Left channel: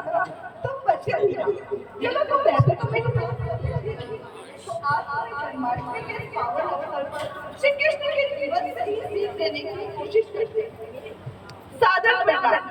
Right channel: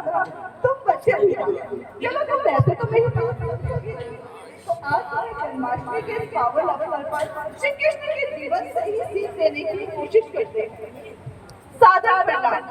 तुम बच्चे ही हो। चलो तुम ऐसे तो नहीं हो। तो आज हमें जन्माष्टमी के इस पावन अवसर पर श्री कृष्ण के जीवन से ही सीख लेने की कोशिश करते हैं। सादर प्रणाम।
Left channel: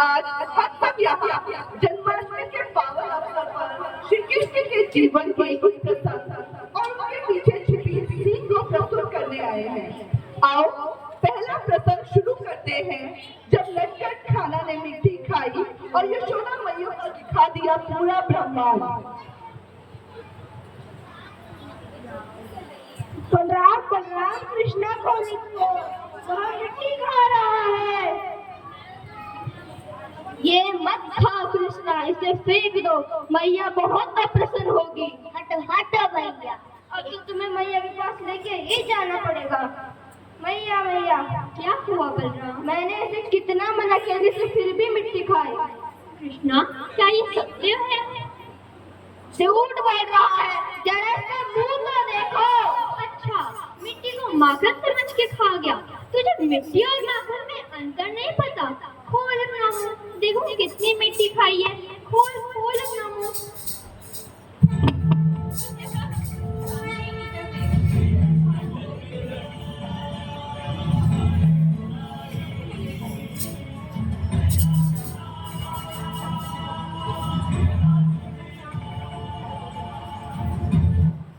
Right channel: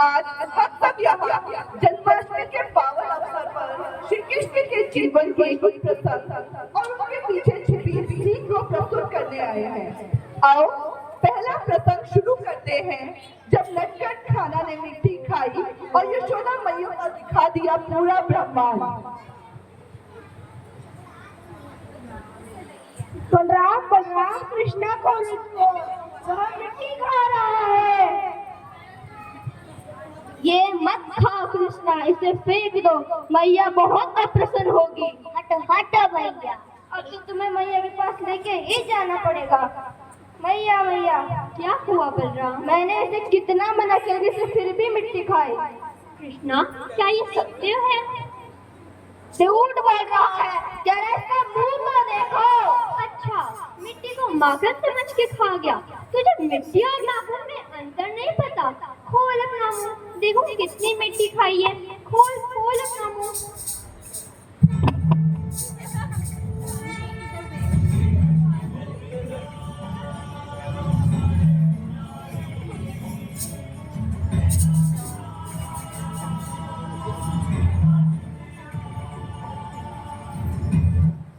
आज हम सब यहाँ जन्माष्टमी के पावन अवसर पर श्री कृष्ण के जीवन की कुछ प्रसंग और उनके पीछे छिपी सीख को प्रस्तुत करने आए हैं। आओ पहला प्रसंग शुरू करते हैं। जब नटखट खाना ने मिट्टी खाई और यशोदा मैया पर दिखा दिया पूरा ब्रह्मांड। बलराम बलराम कृष्णा को लिखो, वह मिट्टी खा रहा है। ये मत खाओ कृष्णा, इसे फेंक दो, मैया बहुत अप्रसन्न होगी। हटो हटो भैया, अब तो तुम्हें मैया के पास लेके ही जाना पड़ेगा। मैया मैया, क्या हुआ बलराम? मैंने इसे कितना मना किया इसे फिर भी मिट्टी खाए। कृष्णा, क्या ये सत्य है? झूठ बोल रहा है, जरा इसका मुंह को देखो। अच्छा, मिट्टी को माखन समझ के खा गया। तुझे मिट्टी और माखन में अंतर नहीं पता? खोल अपना मुंह, देखो कितनी मिट्टी खाई है। खोल खोल अपना मुंह।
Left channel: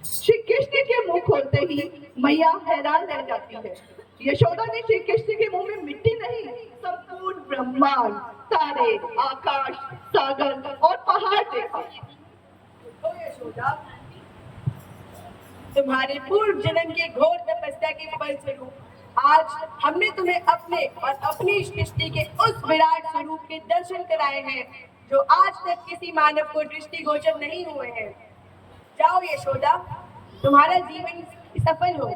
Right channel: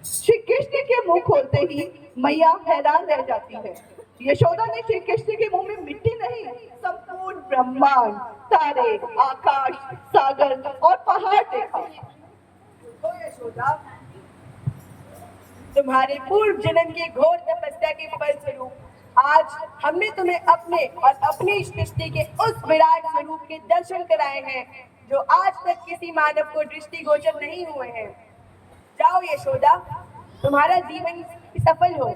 श्री कृष्ण के मुंह खोलते ही मैया हैरान रह जाती है। यशोदा ने श्री कृष्ण के मुंह में मिट्टी नहीं, संपूर्ण ब्रह्मांड, तारे, आकाश, सागर और पहाड़ देखा। तो यशोदा, तुम्हारे पूर्व जन्म के घोर तपस्या के फलस्वरूप आज हमने तुम्हें अपने और अपनी सृष्टि के उस विराट स्वरूप के दर्शन कराए हैं जो आज तक किसी मानव को दृष्टिगोचर नहीं हुए हैं। जाओ यशोदा, तुम्हारा जीवन सफल हो।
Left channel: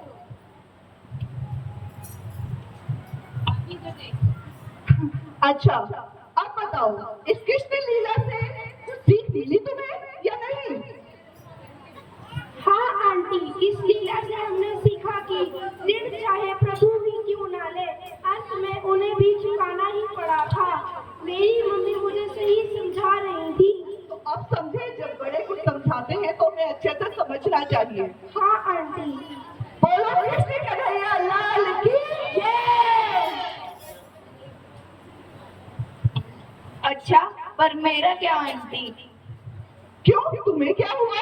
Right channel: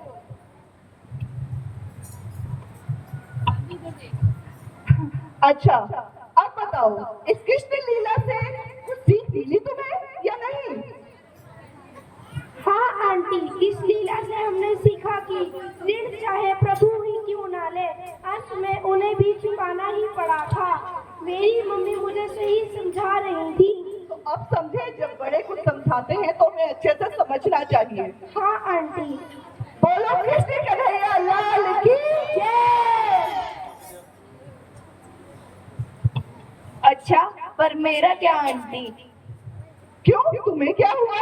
अच्छा, अब बताओ इस कृष्ण लीला से कुछ सीख मिली तुम्हें या नहीं? हाँ आंटी, इस लीला से हमने सीखा कि ऋण चाहे प्रभु ही क्यों ना ले, अंत में उन्हें भी चुकाना ही पड़ा था। मेरी मम्मी मुझे सही समझा रही थी। तो अब समझे, जब बड़े कुछ समझाते हैं तो हमें अच्छे से समझना चाहिए। हाँ आंटी। बोलो कृष्ण कन्हैया लाल की जय। अच्छा, पर मेरा क्या आंटी? क्यों, तुम्हें क्या हुआ?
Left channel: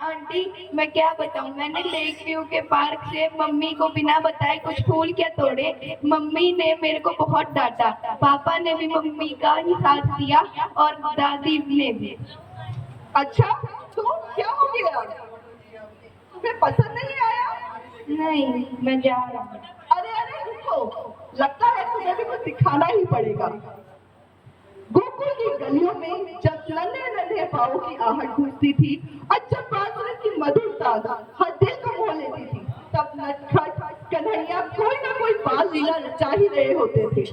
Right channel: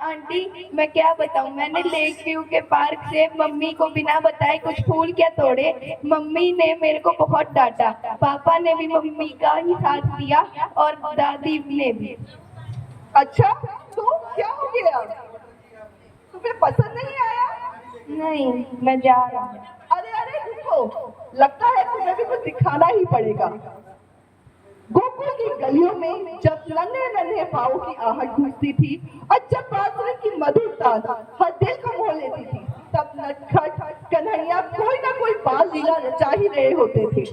आंटी, मैं क्या बताऊं, मैंने लेक व्यू के पार्क से मम्मी को बिना बताए कुछ फूल क्या तोड़े। मम्मी ने मेरे को बहुत डांटा, पापा ने भी मम्मी का ही साथ दिया और दादी ने भी। अच्छा, तो क्या हो गया? तुम्हें पसंद नहीं आया? नहीं, मैं जा रहा हूँ। अरे अरे रुको, लगता है तुम्हें भी कुछ दिखाना ही पड़ेगा। गोकुल की गलियों में जब नन्हे नन्हे पाँव की आहट गूंजती थी और जब बांसुरी की मधुर तान हर दिल को मोह लेती थी, तब नटखट कन्हैया कोई ना कोई बाल लीला रचा ही रहे होते थे।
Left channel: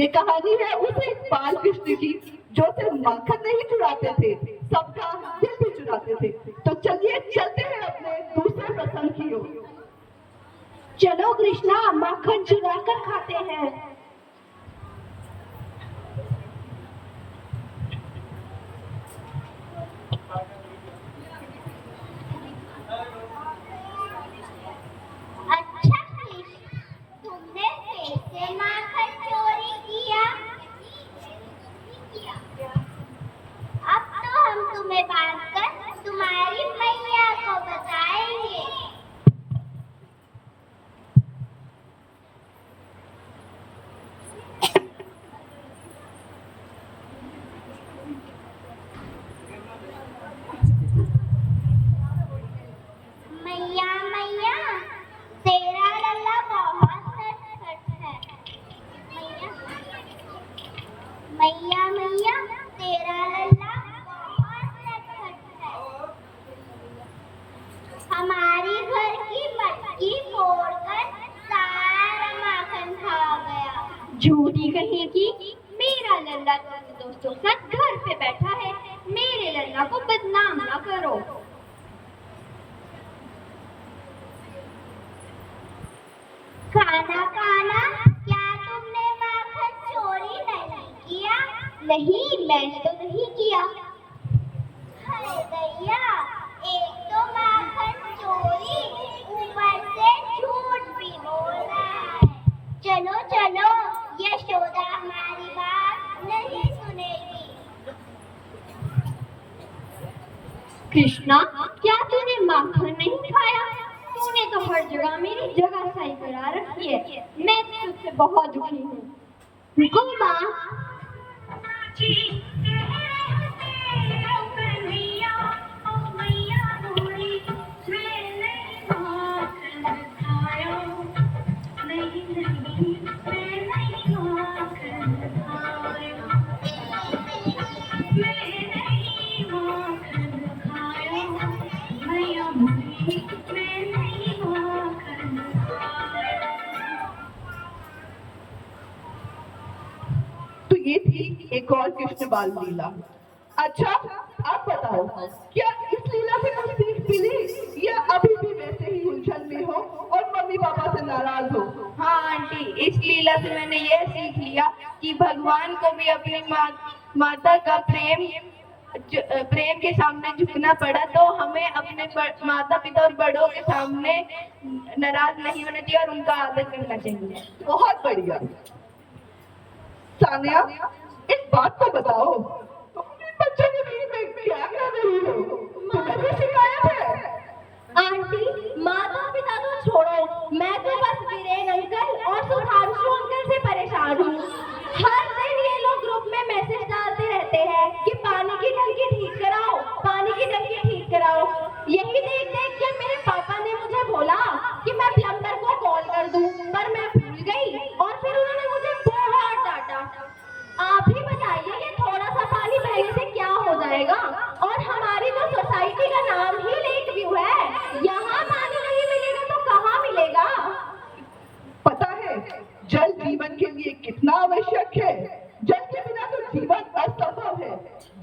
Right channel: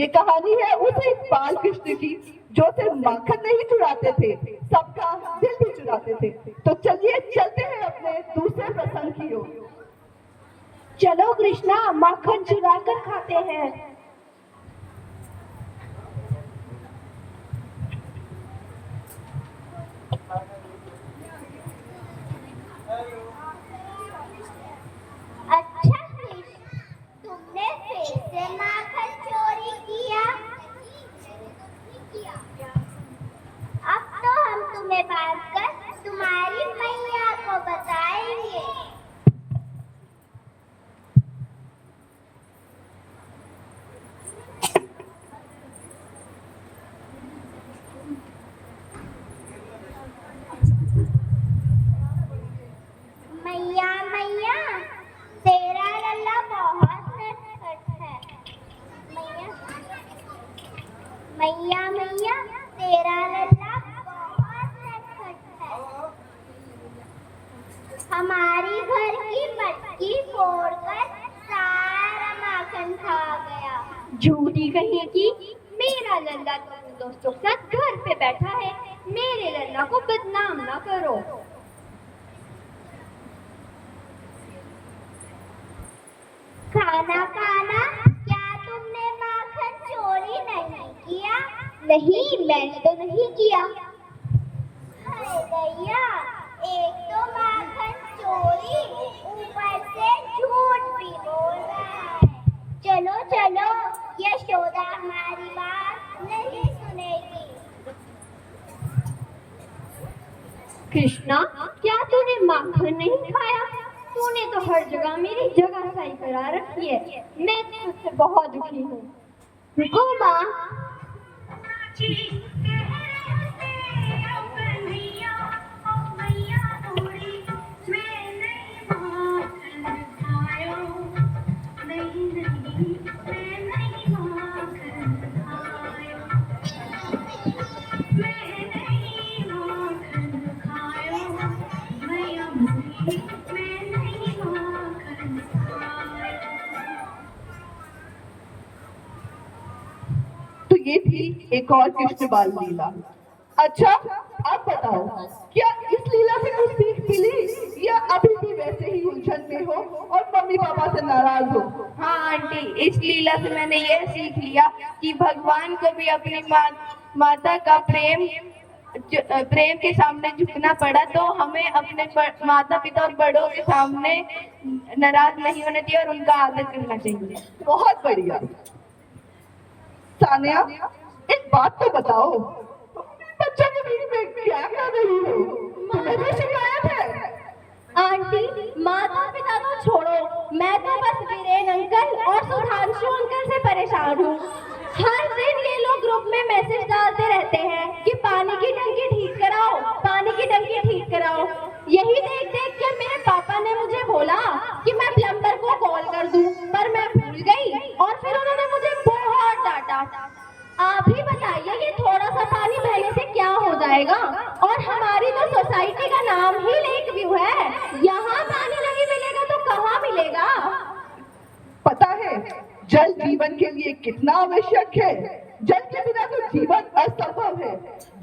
ये कहानी है उसी बाल कृष्ण की जो सिर्फ माखन नहीं चुराते थे, सबका दिल भी चुराते थे। तो चलिए चलते हैं अपने दूसरे प्रसंग की ओर। चलो कृष्णा, माखन चुरा कर खाते हैं। अच्छा कृष्ण, तुमने फिर से माखन चोरी किया। अब तो हम तुम्हें बांधकर तुम्हारी मैया को बताएंगे। मैया मैया, तेरा लल्ला बहुत नटखट है। मैया मैया मैया, तेरा लल्ला बहुत नटखट है। हमारी घर की मटकी फोड़कर सारा माखन खा गया। झूठी कहीं की, मेरा लल्ला तो अपने दोस्तों के साथ घर पे बैठा है। मेरे लल्ला को बदनाम ना करो। खाना खाना, क्या तुमने माखन चोरी नहीं किया? नहीं, मैंने तो नहीं किया। हाय भैया, एक तो माखन चोरी, ऊपर से झूठ भी बोल रहा है। चलो चलो, यशोदा हमारी बात नहीं सुनेगी। कृष्णा, क्या तूने माखन नहीं खाया? तूने तो हर जगह मेरी जगह सही करा रखी है। मैं तुझसे बहुत दुखी हूँ। रुको माँ। तो ये थी एक और कृष्ण बाल लीला। अच्छा, आप बताओ, क्या इस लीला से कुछ सीख मिली या अभी भी वैसे ही उलझन में हो और मम्मी पापा से नाराज हो? हाँ आंटी, इस लीला से मैंने यह सीख लिया कि भगवान को भी अपनी माता का प्रेम के सामने झुकना पड़ा, तो हमें अपने माता पिता और बड़ों के सामने नाराज नहीं होना चाहिए और उनका आदर करना चाहिए। बहुत बढ़िया। सानिया, एक बात तो बताओ, तुम अपने बच्चों के बीच में क्या कर रही हो? तुम्हें भी शिकायत है? आंटी, माता पिता तो छोड़ो, मैं तो बस वीरेन अंकल और सुधांशु अंकल से परेशान हूँ। हर दिन ये लोग ग्रुप में मैसेज डालते रहते हैं कि पानी की टंकी ठीक कराओ, पानी की टंकी ठीक कराओ। यही देख देख के मेरे पापा ने मुझे बोला कि मैं प्लम्बर को कॉल कर दूं, पर मैं भूल गई और फिर उन्होंने मुझे बहुत डांटा। आप ही बताइए कि थोड़ा सा पानी बहने से क्या हो जाएगा? और हमारी तो सोसाइटी का नाम ही लेक व्यू है, यहाँ पानी नहीं मिलेगा तो कहाँ मिलेगा? पता है जल जीवन के लिए कितना आवश्यक है? जल के बिना तो जीवन असंभव है।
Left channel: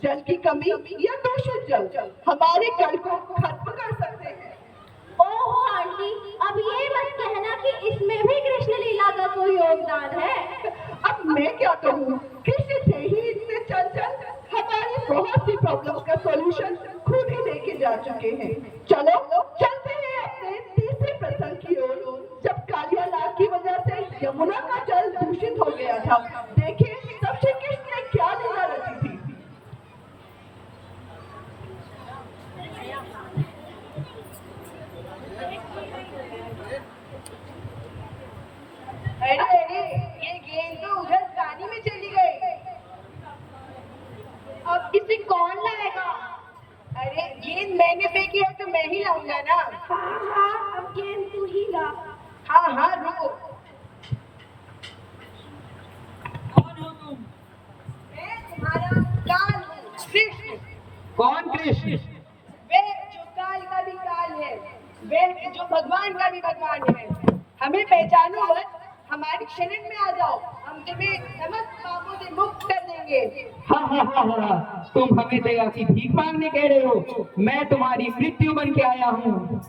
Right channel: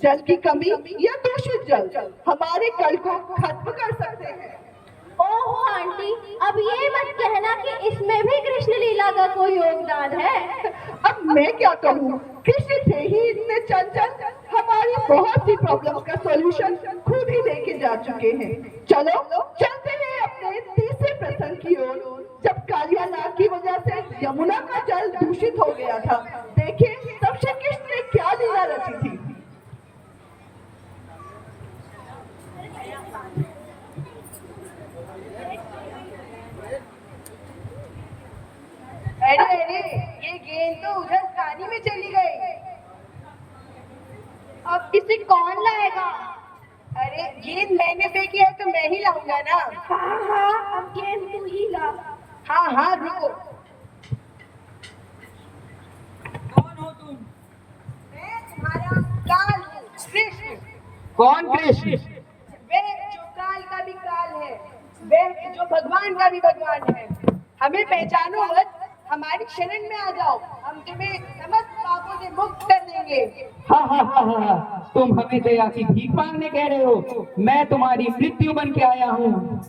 जल की कमी या दूषित जल हमारे कल को खत्म कर सकते हैं। ओह आंटी, अब ये मत कहना कि इसमें भी कृष्ण लीला का कोई योगदान है। अब मैं क्या कहूँ, कृष्ण थे ही इतने चंचल, हमारी बहुत सी प्रॉब्लम का सॉल्यूशन खुद ही लेके जा चुके हैं। चलो चलते हैं अपने तीसरे प्रसंग की ओर, जब कालिया नाग की वजह से यमुना का जल दूषित हो गया था। देखें तब श्री कृष्ण ने क्या लीला रची थी। अरे अरे, ये गेंद तो उधर पानी में चली गई। अब इसे कौन लाएगा? अरे गेंद मैंने फेंकी है तो मैं ही लाऊंगा ना। हाँ हाँ, अब गेंद तू ही ला। हाँ हाँ, रुको। कौन हो तुम? मैं तुम्हारा काल हूँ, कृष्ण। कौन कृष्ण? वे जो काल का भी काल है, वे जो भगवान का भी भगवान है। हमें पहचानो मत, हमारी शरण में आ जाओ, हम तुम्हें समस्त पापों से मुक्त कर देंगे। हा हा हा हा, तुम हमें दया की भीख मांगने कह रहे हो? मैं तुम्हारी मृत्यु बन के आया हूँ।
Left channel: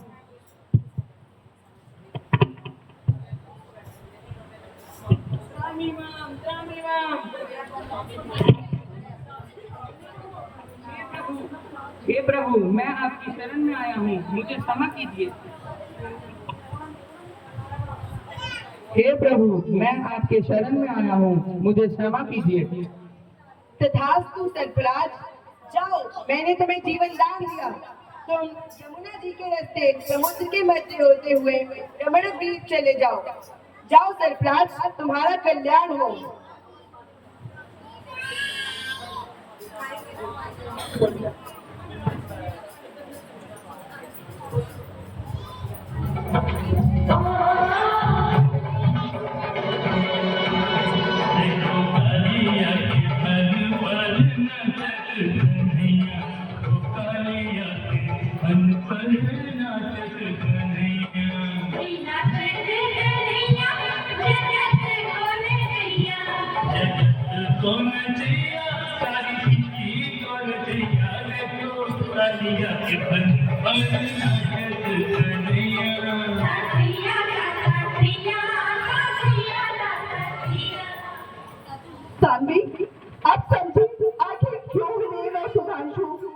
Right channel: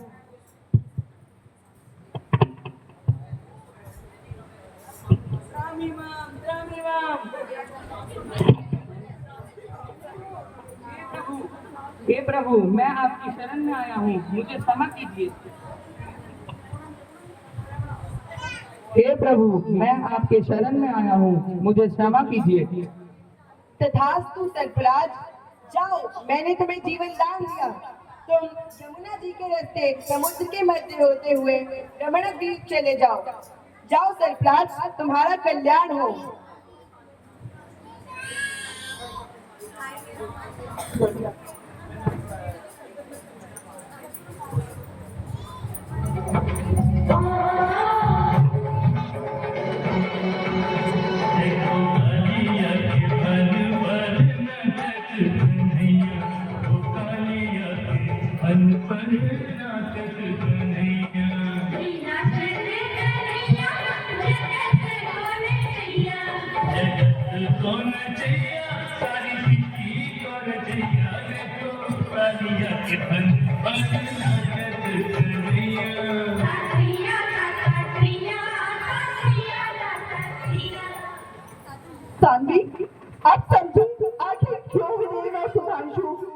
हे प्रभु, मैं आपकी शरण में आया हूँ, मुझे क्षमा कीजिए। हे प्रभु, मैं आपके शरण में आया हूँ, मुझे क्षमा कीजिए। तथास्तु सर्पराज, जाओ, मैंने तुम्हें जीवन दान दिया। तुम यमुना जी के रास्ते समुद्र के मध्य होते हुए रमण द्वीप चले जाओ। जाओ सर्पराज, तुम्हारा कल्याण हो। कौन चाहिए सारी कौन चाहिए रे तो कालिया के